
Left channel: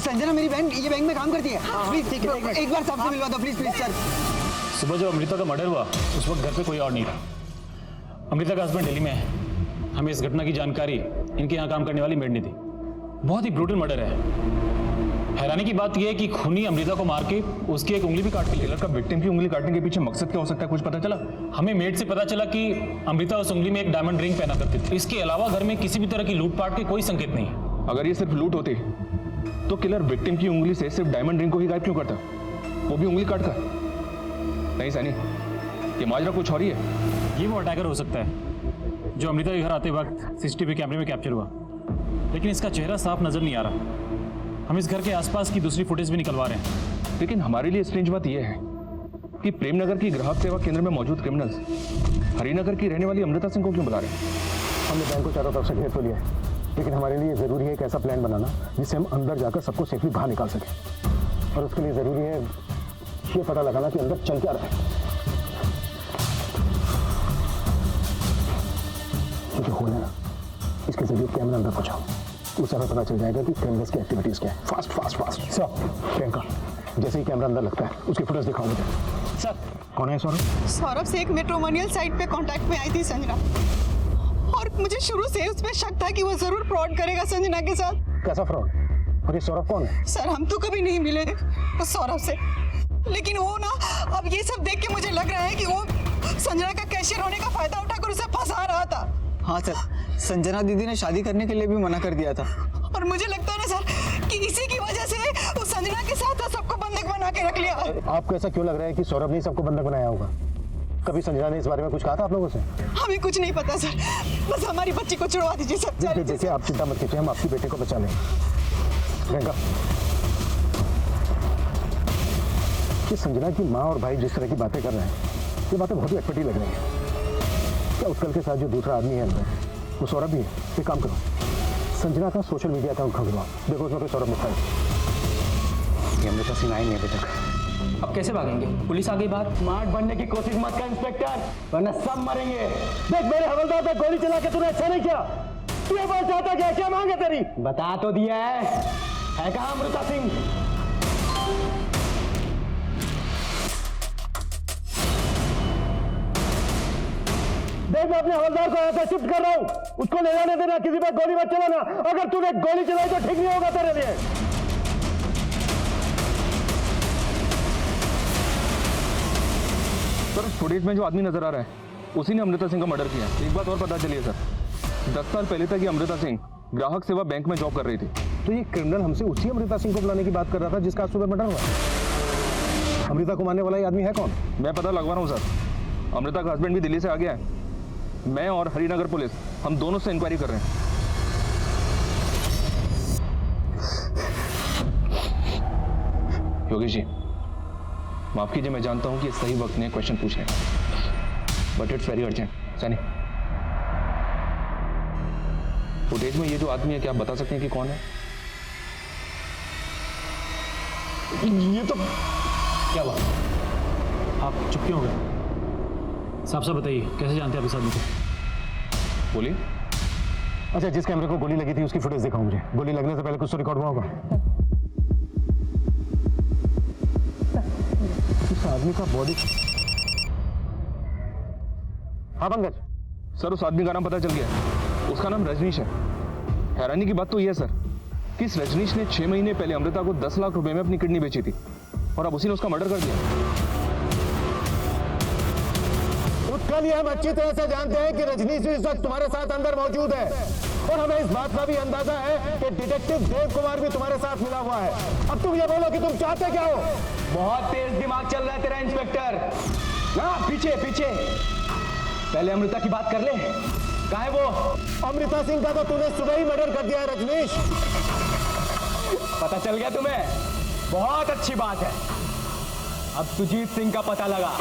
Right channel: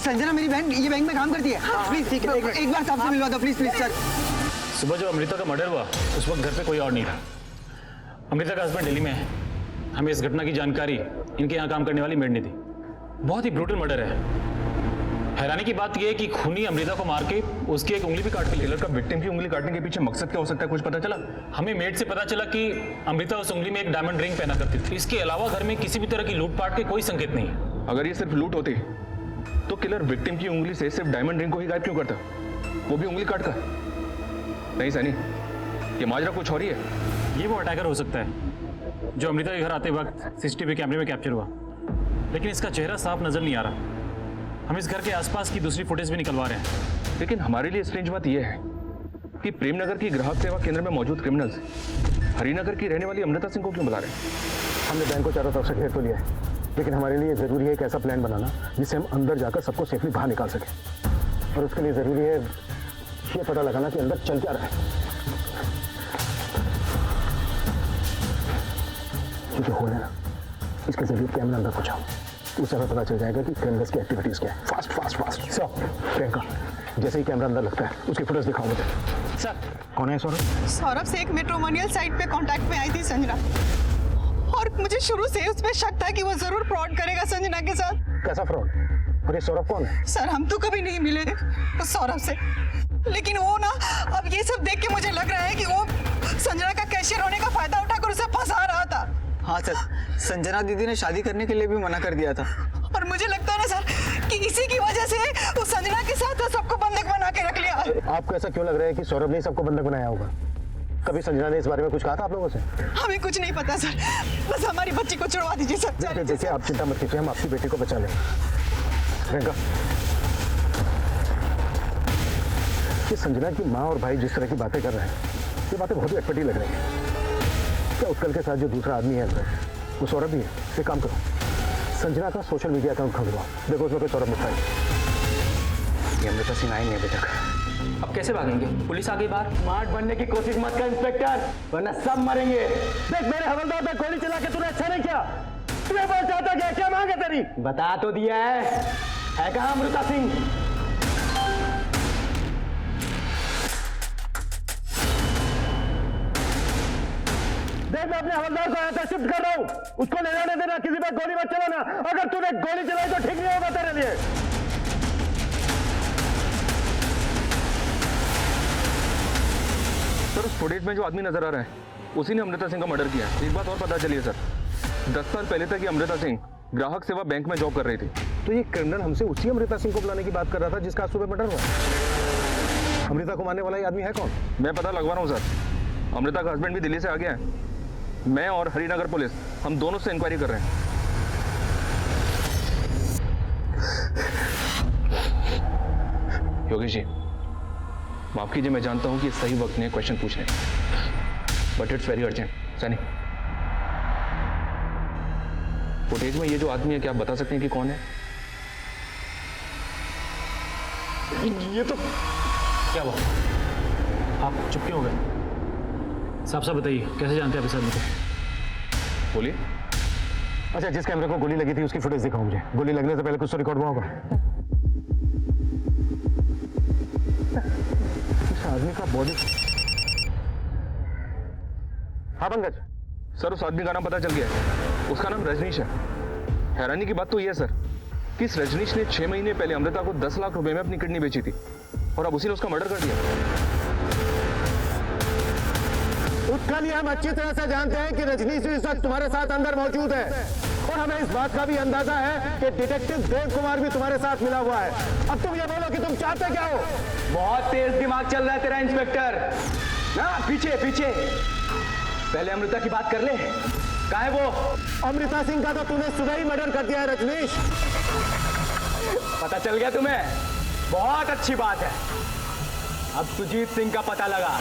Sanjana मेरी बहन ये बैंक में काम करती है। प्लीज ठीक है, एक बार साहब से मिलवा दो प्लीज प्लीज सर। सुबह जब अमृता का मर्डर हुआ उस वक्त घर पे कोई और नहीं था। अमृता का हस्बैंड दिल्ली में है। हमें इस घटना की जानकारी इनके यहाँ काम करने वाली मेड ने दी। बहुत ही ब्रूटल मर्डर है। हैरानी की बात यह है कि खूनी अमृता को मार के उसकी एक उंगली भी काट ली। किलर का विक्टिम की उंगली काटने के पीछे मकसद क्या हो सकता है, कुछ पता चला? हमें मेड से पता चला कि अमृता उस उंगली में एक डायमंड रिंग पहना करती थी। इसके अलावा घर में किसी भी तरह की लूटपाट के कोई संकेत नहीं है। अगर ये सिर्फ लूट होती तो किलर विक्टिम की उंगली से सिर्फ डायमंड रिंग को ही गायब क्यों करता, वो भी उंगली काट कर? नहीं सैनी, ये माजरा कुछ और ही है। ये वो अटैकर हो सकता है जो अमृता के घर आते वक्त सीसीटीवी कैमरे में कैप्चर हुआ, लेकिन इसका चेहरा साफ नजर नहीं आ रहा। हम इस घर के आसपास की दूसरी फुटेज भी निकलवा रहे हैं। लेकिन हमारे लिए स्ट्रेंज बात यह है कि प्रेमनगर की ग्राहक सेवा केंद्र में मौजूद क्रिमिनल्स हरिनगर की रहने वाली अमृता सिंह को क्यों बुला रहे हैं? हमने बैंक को चारों तरफ से घेर तो लिया है, लेकिन हमारे लिए जरूरी है एक ऐसा प्लान बनाना जिससे हम अंदर जाकर सबको सेफली बाहर निकाल सकें। और उसके लिए जरूरी है ये पता लगाना कि अंदर चल क्या रहा है। ये जो होल है ना, इसके जरिए कैमरा अंदर पहुंचाओ उस समय पता चल जाएगा कि क्रिमिनल्स की एक्टिविटीज क्या है। Fast fast fast. Sir Priyanka, जैसे ही कैमरा अंदर लगता है उसकी फुटेज दिखाओ मुझे। सर कौन है सौरभ? सौरभ से एक मैट्रिमोनियल साइट पे कांटेक्ट में आई थी संजना, और मुझे शुरू से उस पर शक था कि वो जरूर फ्रॉड करेगा संजना के साथ। कैसा फ्रॉड? और ये सौरभ कौन है? सर हम तो कभी नहीं मिले उस सौरभ से, लेकिन वो ना अब ये सब देख के मुझे लग रहा है कि वो संजना का कैशियर होने का फायदा उठाकर उसे फंसा रहा था। हाँ सर, संजना दीदी ने शादी करने के लिए भी मना कर दिया था। और मुझे लगता है ना सर कि इसी की वजह से उस संजना के साथ वो सबको बंधक बना के रख लिया। आपको ऐसा क्यों लग रहा है कि सौरभ ने सबको बंधक बनाया होगा? कभी संजना ने इस बारे में कुछ कहा था आप लोगों से? हमें कुछ नहीं पता सर, बस हमारी बच्ची को छुड़वा दीजिए सर। देखिए आप चिंता मत कीजिए, हम आपकी बेटी को बचा लेंगे। प्रियंका, ये संजना की माँ और भाई जिस तरह की बातें कर रहे हैं, ये बातें बहुत ही अटपटी लग रही हैं। क्या उत्कल के साथ जो दूसरा आदमी है अंदर, वो सौरभ भी है? एक काम करो, संजना का सोशल मीडिया अकाउंट खुलवाओ, देखो उसमें कोई सौरभ मिलता है। ये अमृता सिंह आई नहीं अभी तक। अब कैसे भागेंगे? पुलिस आ गई बाहर। स्मार्ट बनने की कोशिश मत कर इंस्पेक्टर, वरना सब मरेंगे। देख मेरे हवलदार पे गोली चला के तूने अच्छा नहीं किया। तू ये बोल चाहता क्या? क्या मांगे तेरी? बता तो दिया है कहाँ अमृता सिंह? देख मैं अपने हवलदार को यहाँ से शिफ्ट कर रहा हूँ, उसको ले जाने देना, किसी पर गोली मत चलाना। अगर तूने गोली चलाई तो ठीक नहीं होगा तेरे लिए। सर उस फुटेज में जो आदमी नजर आ रहा है उसी ने अमृता सिंह का मर्डर किया है। एक बात और पता चली है सर, 10 साल पहले तक ये अमृता सिंह ग्राहक सेवा बैंक में जॉब कर रही थी। तो ये क्रिमिनल हमसे उसी अमृता सिंह को बुलाने की बात कर रहा था जिसका आज सुबह मर्डर हुआ। अमृता को मारने वाला ये आदमी है कौन? मैं पता लगवा रहा हूँ सर, अमृता का हस्बैंड भी दिल्ली से आ गया है। मैं और हरिनगर पुलिस हम दोनों से इंक्वायरी कर रहे हैं। योगेश जी माफ कीजिए, मैं जानता हूं कि ये सही वक्त नहीं है क्वेश्चन पूछने, but it's very urgent. Sunny, footage में ये जो आदमी है क्या आप बता सकते हैं कि कौन है? ये तो क्या हुआ? आप चुप क्यों हो गए? साफ साफ बताइए, कैसे जानते हैं आप इस आदमी को? बोलिए। अच्छा, जिस कैमरे को गोली लगी थी उसकी फुटेज दिखाओ मुझे। गोली लगने से पहले कुछ तो रिकॉर्ड हुआ होगा। इस आदमी का बॉडी। हाँ पंकज। सर उस आदमी का नाम पता चल गया है, उसका नाम रजनीश है। हैरानी की बात तो यह है सर कि इस रजनीश ने 6 महीने पहले अमृता को 10 लाख रुपए में अपनी किडनी बेची थी और अब उसी ने उसका मर्डर कर दिया। उत्कल, हम अच्छी तरह से जानते हैं कि रजनीश इस वक्त तुम्हारे साथ अंदर मौजूद है, और हमें इस बात का भी अंदाजा है कि डिटेक्टिव देव कुमार भी तुम्हारे साथ मिला हुआ है। अब तुम ये बोलो कि तुम चाहते क्या हो? बहुत तेज दिमाग चल रहा है तेरा इंस्पेक्टर। ना पीछे पीछे, पहले अमृता की बात कर ले। कहाँ है वो? अमृता सिंह का तो तूने सुबह ही मर्डर कर दिया है रजनीश। पता चल गया तुम्हें? बहुत अच्छी बात है। अब सुजीत सिंह का पता लगा।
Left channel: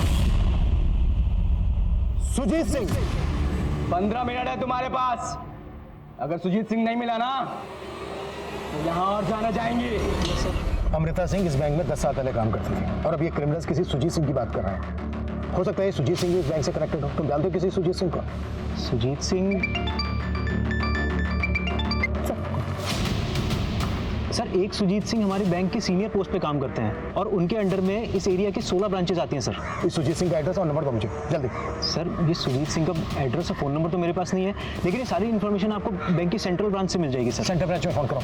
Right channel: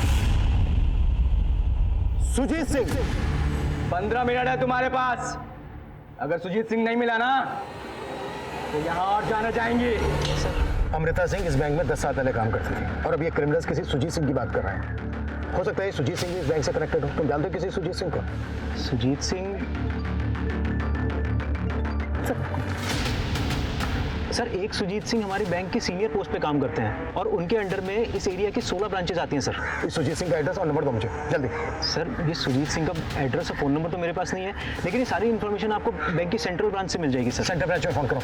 सुजीत सिंह? 15 मिनट है तुम्हारे पास। अगर सुजीत सिंह नहीं मिला ना तो यहां और जाने जाएंगी। अमृता सिंह इस बैंक में 10 साल पहले काम करती थी, और अब ये क्रिमिनल्स किसी सुजीत सिंह की बात कर रहे हैं। हो सकता है सुजीत सिंह इस बैंक से कनेक्टेड हो। तुम जानते हो किसी सुजीत सिंह को? सुजीत सिंह? सर एक सुजीत सिंह हमारे बैंक के सीनियर पोस्ट पे काम करते हैं और उनके अंडर में इस एरिया की 16 ब्रांचेस आती हैं सर। इस सुजीत सिंह का एड्रेस और नंबर दो मुझे जल्दी। सर ये सुजीत सिंह का एड्रेस और फ़ोन नंबर तो मेरे पास नहीं है, लेकिन ये सारी इन्फॉर्मेशन आपको बैंक की सेंट्रल ब्रांच से मिल जाएगी सर। सेंट्रल ब्रांच में फ़ोन करो।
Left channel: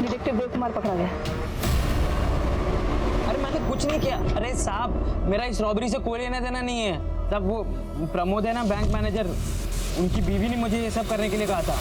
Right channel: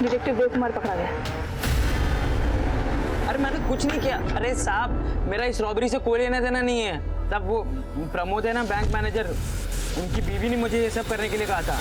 डिटेक्टिव देव कुमार पकड़ा गया। अरे मैंने कुछ नहीं किया। अरे साहब मेरा इस रॉबरी से कोई लेना देना नहीं है। सब वो प्रमोद है ना बैंक मैनेजर, उनकी बीवी ने मुझे ये सब करने के लिए कहा था।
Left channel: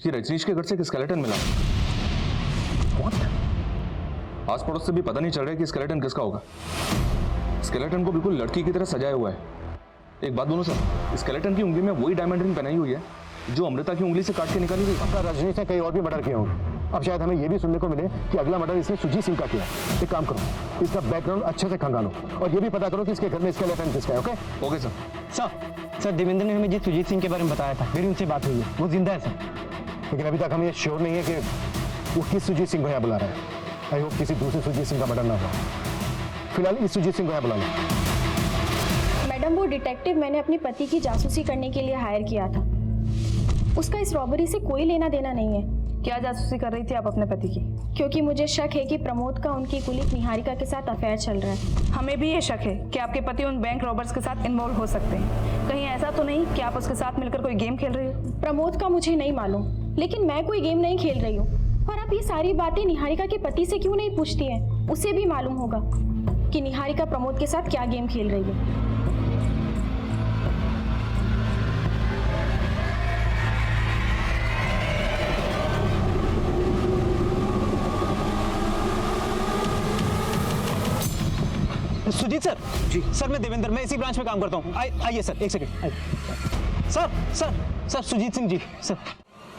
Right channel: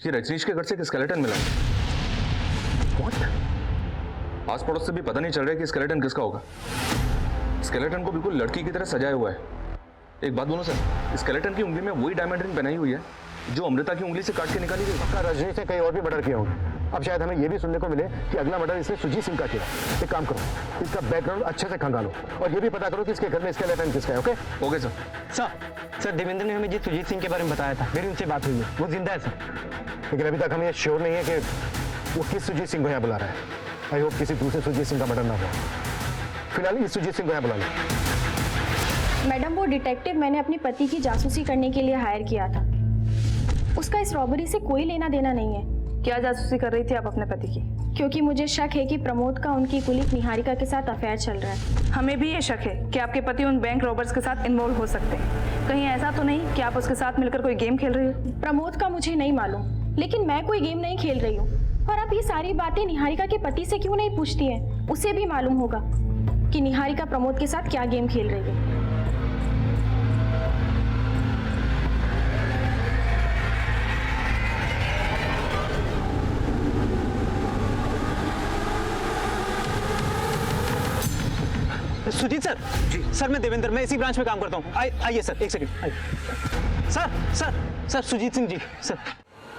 ये रजनीश के घर से एक स्केलेटन मिला। What? आस पड़ोस से भी पता नहीं चल रहा है कि स्केलेटन किसका होगा। स्केलेटन को बिल्कुल लड़की की तरह सजाया हुआ है एक बात बोलो सर, स्केलेटन की उंगली में वही डायमंड रिंग पहनाई हुई है जो अमृता की उंगली से काट के निकाली गई। पक्का रजनीश ने कई और भी मर्डर किए होंगे। अब शायद हमें यह भी सुनने को मिले कि अगला मर्डर इसने सुजीत सिंह का किया। एक काम करो, इसका बैकग्राउंड अच्छे से खंगालो और ये भी पता करो कि इसके घर में स्केलेटन किसका है। Okay sir. सर देवेंद्र ने हमें जी सुजीत सिंह के बारे में बताया था, मेरी उनसे बात हुई है, वो जिंदा है सर। लेकिन अभी तक हमें ये श्योर नहीं है कि वो किस सुजीत सिंह को यहाँ बुला रहा है। आई होप किसी दूसरे सुजीत सिंह का मर्डर ना हुआ। फिलहाल इस सुजीत सिंह को यहाँ बुला लो। मैडम, वो डिटेक्टिव मैंने अपने पति की जासूसी करने के लिए हायर किया था। उसका इस रॉबरी से कोई लेना देना नहीं है। क्या जासूसी कर रही थी आप अपने पति की? क्योंकि मुझे शक है कि प्रमोद का उनकी कुलीग निहारिका के साथ अफेयर चल रहा है। हमें भी ये शक है कि आपके पति उन बैंक रॉबर्स के साथ इन्वॉल्व हो सकते हैं। कहीं ऐसा तो नहीं कि आप उसके साथ मिलकर कोई गेम खेल रही हो? प्रमोद का मुझे नहीं मालूम, लेकिन मैं कोई गेम नहीं खेल रही हूँ। और आप ये सारी बातें निहारिका के पति से क्यों नहीं पूछती हैं? उसे भी मालूम होगा कि निहारिका प्रमोद के साथ क्या गेम खेल रही है। सुजीत सर जी, सर मैं देवेंद्र, मैं इसी ब्रांच में काम करता हूँ। आइए सर, एक second. Sir Sujit Singh ji. Sir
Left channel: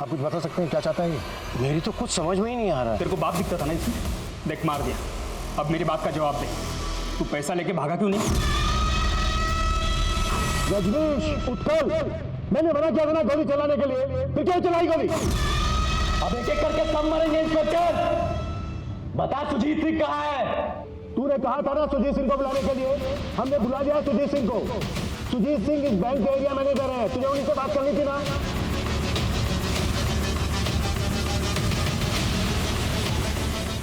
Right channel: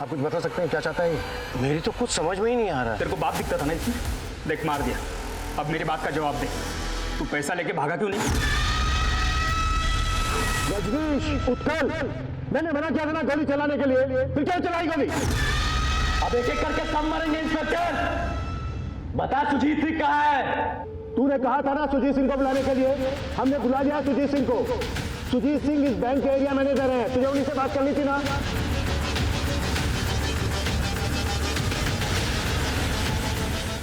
आप कुछ बता सकते हैं क्या चाहता है ये? मेरी तो कुछ समझ में ही नहीं आ रहा है। तेरे को बाप दिखता था ना इसमें, देख मार दिया। अब मेरी बात का जवाब दे, तू पैसा लेके भागा क्यों नहीं? रजनीश उत्कल, मैंने मना किया था ना गोली चलाने के लिए, फिर क्यों चलाई गोली? अब एक एक करके सब मरेंगे इंस्पेक्टर। बता सुजीत सिंह कहाँ है? तूने कहा था ना सुजीत सिंह को बुलाने के लिए, हमने बुला लिया सुजीत सिंह को। सुजीत सिंह इस बैंक के एरिया मैनेजर हैं, तुझे उन्हीं से बात करनी थी ना।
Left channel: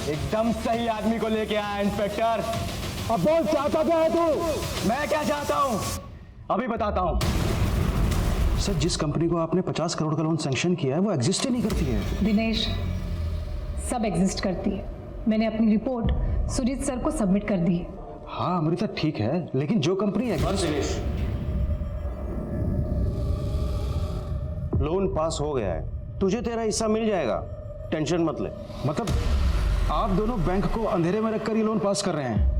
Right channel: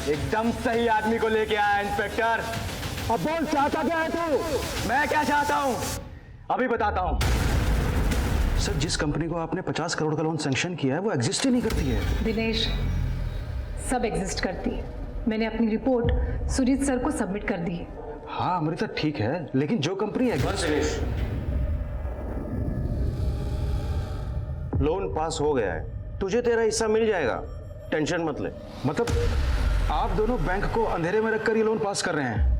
एकदम सही आदमी को लेके आया इंस्पेक्टर। अब बोल, चाहता क्या है तू? मैं क्या चाहता हूं अभी बताता हूं। सर, जिस कंपनी को आपने 50 करोड़ का लोन सैंक्शन किया है वो एग्जिस्ट ही नहीं करती है। दिनेश, सब एग्जिस्ट करती है। मैंने अपनी रिपोर्ट सुजीत सर को सबमिट कर दी है। हाँ अमृता ठीक है, लेकिन जो कंपनी दिनेश, लोन पास हो गया है, तुझे तेरा हिस्सा मिल जाएगा, टेंशन मत ले। मतलब आप दोनों बैंक को अंधेरे में रखकर ये लोन पास कर रहे हैं?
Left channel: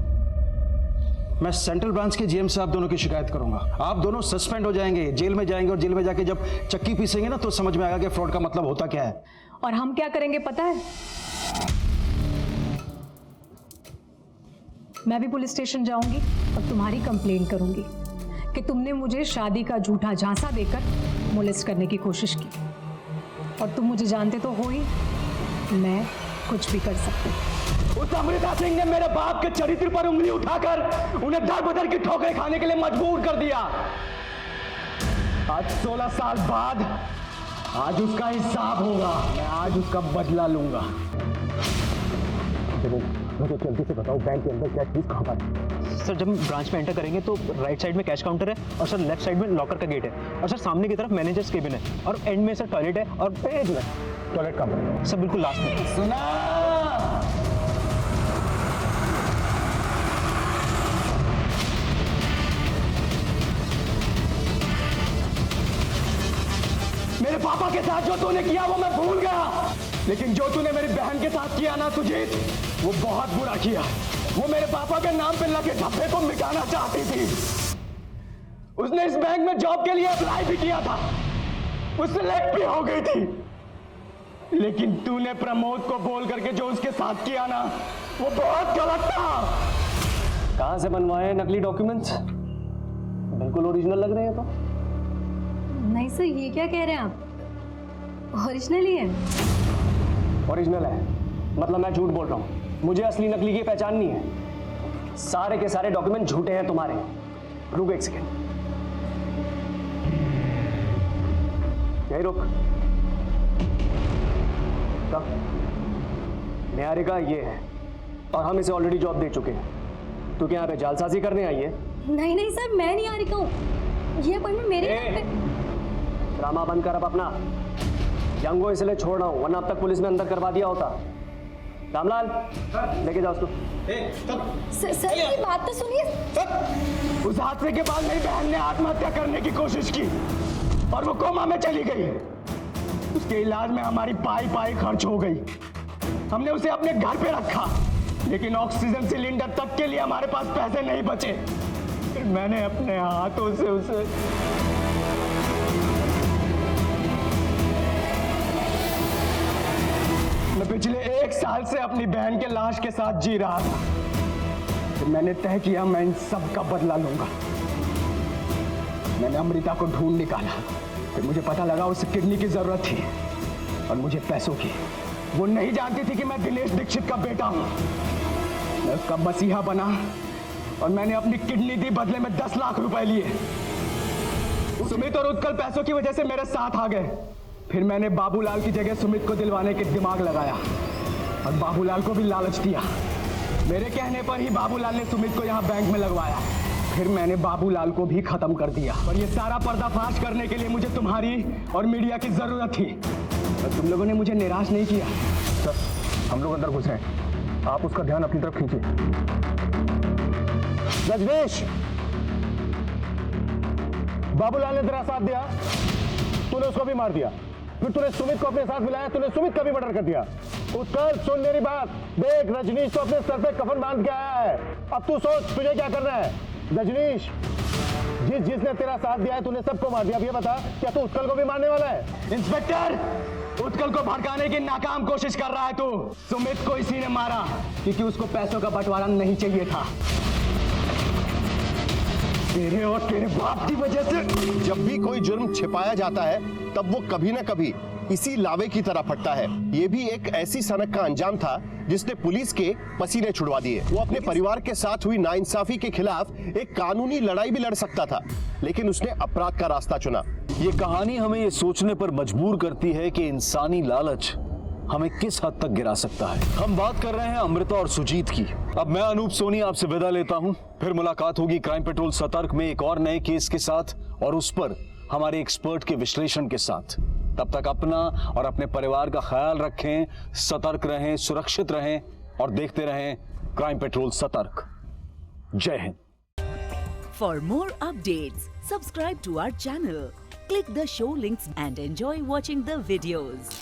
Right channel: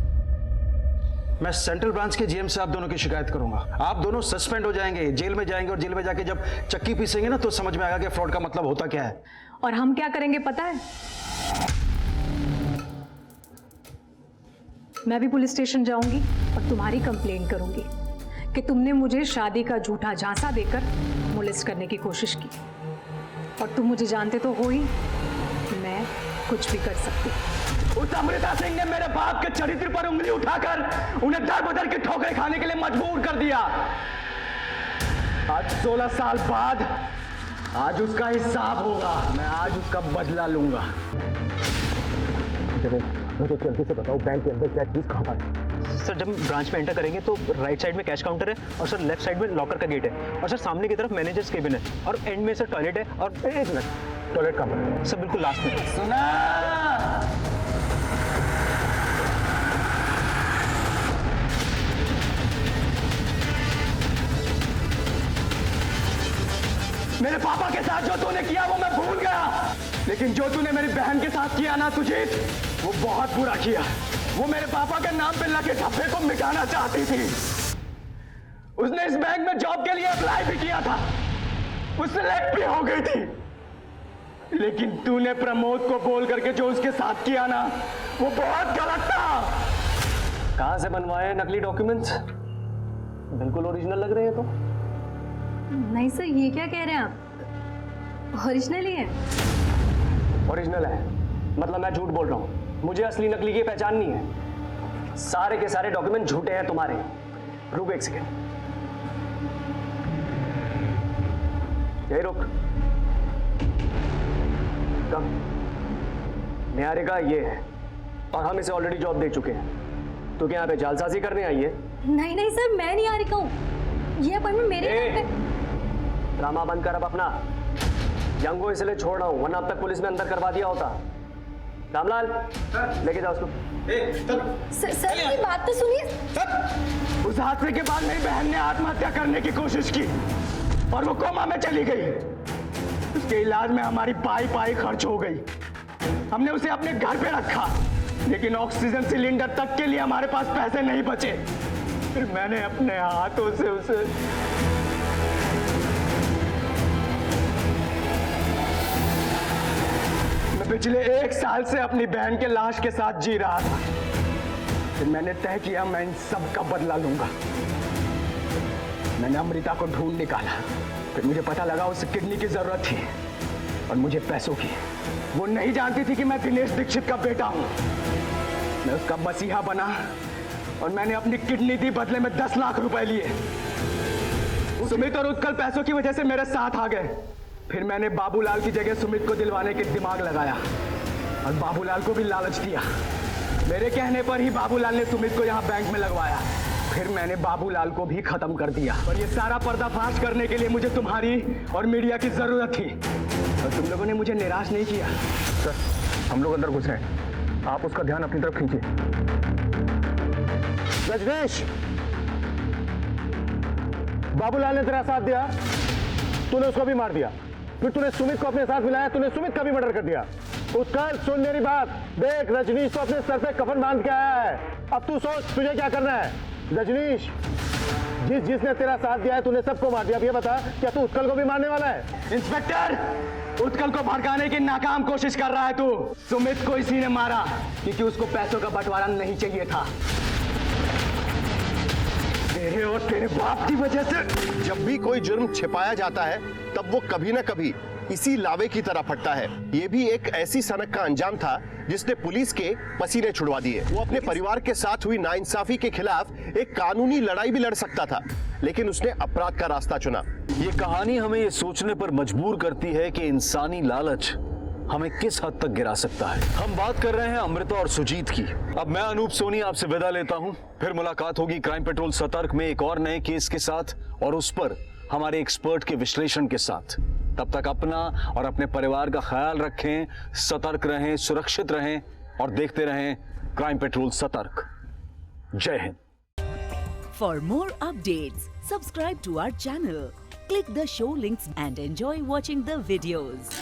मैं सेंट्रल ब्रांच के जीएम से आप दोनों की शिकायत करूंगा। आप दोनों सस्पेंड हो जाएंगे, जेल में जाएंगे, और जेल में जाके जब चक्की पीसेंगे ना तो समझ में आएगा कि फ्रॉड का मतलब होता क्या है। और हम क्या करेंगे पता है? मैं भी पुलिस स्टेशन जाऊंगी और तुम्हारी कंप्लेंट करूंगी कि तुमने मुझे शादी का झूठा झांसा देकर मोलेस्ट करने की कोशिश की। और तुम मुझे जानते तो हो ही, मैं कुछ भी कर सकती। उस अमृता सिंह ने मेरे बाप के चरित्र पर उंगली उठाकर उन्हें दर बदर की ठोकरें खाने के लिए मजबूर कर दिया। आज 16 साल बाद आज उसका हिसाब होगा। मैं आज उसका बदला लूंगा। मुझे जल्दी से बताओ, बैंक के अंदर क्या चीज कहाँ पर है? सर जब हम ब्रांच में एंटर करेंगे तो राइट साइड में कैश काउंटर है, और सर लेफ्ट साइड में लॉकर का गेट है, और सर सामने की तरफ मैनेजर्स केबिन है, और एंड में सर टॉयलेट है। और एक मिनट, टॉयलेट कहाँ पर है? सर बिल्कुल लास्ट में। सुना, मेरे पापा के साथ जो तूने किया वो मैं भूल गया, लेकिन जो तूने मेरी बहन के साथ किया ना सुजीत, वो बहुत बुरा किया। वो मेरे पापा के नाम पे लगे ठप्पे को मिटाना चाहती थी। उसने इस बैंक में जॉब के लिए अप्लाई भी किया था, वो सिलेक्ट भी हो गई थी, लेकिन तूने प्रमोद को बोल करके जो उसके साथ किया ना, वो बहुत गलत था। कहां से बनवाए नकली डॉक्यूमेंट्स? बिल्कुल ओरिजिनल लग रहे हैं। तो नहीं सर, ये क्या कह रहे हैं आप? ओरिजिनल ही है। ओरिजिनल है मतलब मैं झूठ बोल रहा हूं? मुझे असली नकली की पहचान नहीं है। सारे के सारे डॉक्यूमेंट झूठे हैं तुम्हारे। रुक एक सेकेंड, यही रुक। कब? निहारिका ये है, और हम इसे ऑलरेडी जॉब दे चुके हैं। तू क्या यहाँ पे जालसाजी करने आई है? नहीं नहीं सर, मैं निहारिका हूँ। ये अपॉइंटमेंट मेरे नाम पे। ड्रामा बंद कर अब अपना। यंग को इसलिए छोड़ रहा हूं, वरना अब तक पुलिस में अंदर करवा दिया होता। रामलाल, लेके जाओ उसको। सर मेरी बात तो सुनिए। उस हादसे के बाद मेरी बहन ने आत्महत्या करने की कोशिश की और वो कोमा में चली गई। उसके इलाज में हमारी पाई खर्च हो गई। हमने उसे अपने घर पे रखा, लेकिन ऑक्सीजन सिलेंडर तक के लिए हमारे पास पैसे नहीं बचे। फिर मैंने अपने हाथों से उसे मैं पिछले 1 साल से अपनी बहन के लाश के साथ जी रहा था। फिर मैंने तय किया मैं इन सब का बदला लूंगा। मैंने अमृता को ढूंढ निकाला। फिर मुझे पता लगा उसे किडनी की जरूरत थी और मुझे पैसों की। वो नहीं जानती थी कि मैं दिनेश दीक्षित का बेटा हूं। मैं उसका मसीहा बना और मैंने अपनी किडनी दी, बदले में 10 लाख रुपए लिए। सुमित और उत्कल पैसों की वजह से मेरे साथ आ गए। फिर मैंने बाबूलाल की जगह सुमित को दिलवाने के दिमाग लगाया और बाबूलाल को भी लालच दिया। मेरे कहने पर ही बाबूलाल ने सुमित को यहाँ बैंक में लगवाया। फिर मैंने बाबूलाल को भी खत्म कर दिया। और ये सारा पर्दाफाश करने के लिए मुझे तुम्हारी और मीडिया की जरूरत थी और तुम लोगों ने मुझे निराश नहीं किया। सर, हम लोग अंदर घुस रहे हैं, आप उसका ध्यान अपनी तरफ खींचिए। रजनीश, बाबूलाल ने तेरा साथ दिया, तूने उसको भी मार दिया। फिर तूने सुमित को अपने साथ मिलाया, तूने सुमित का भी मर्डर कर दिया। उत्कल, सुन मेरी बात, देख रजनीश तो अपने सर पे कफन बांध के आया है। अब तू सोच तुझे क्या करना है। रजनीश, जिसने तेरा साथ दिया है तूने सबको मार दिया। अब ये बता, क्या तू उत्कल को भी मारने वाला है? इंस्पेक्टर, उत्कल को भड़काने की नाकाम कोशिश कर रहा है तू। सुमित को इसी ने मारा क्योंकि उसको पैसों का बंटवारा नहीं चाहिए था। तेरे और तेरे बाप की वजह से। जब भी कोई जुर्म छिपाया जाता है तब वो कभी ना कभी इसी लावे की तरह फटता है। ये भी एक ऐसी सनक का अंजाम था जिसने पुलिस के पसीने छुड़वा दिए। वो अपने परिवार के साथ हुई नाइंसाफी के खिलाफ एक कानूनी लड़ाई भी लड़ सकता था, लेकिन उसने अपराध का रास्ता चुना। ये कहानी हमें ये सोचने पर मजबूर करती है कि इंसानी लालच हमें किस हद तक गिरा सकता है। हम बात कर रहे हैं अमृता और सुजीत की। अब मैं अनूप सोनी आपसे विदा लेता हूं। फिर मुलाकात होगी क्राइम पेट्रोल सतर्क में एक और नए केस के साथ और उस पर हमारे एक्सपर्ट के विश्लेषण के साथ। तब तक अपना और अपने परिवार का ख्याल रखें, सतर्क रहें, सुरक्षित रहें और देखते रहें क्राइम पेट्रोल सतर्क। जय Hind. For more updates, subscribe to our channel, click the show links and enjoy watching the videos.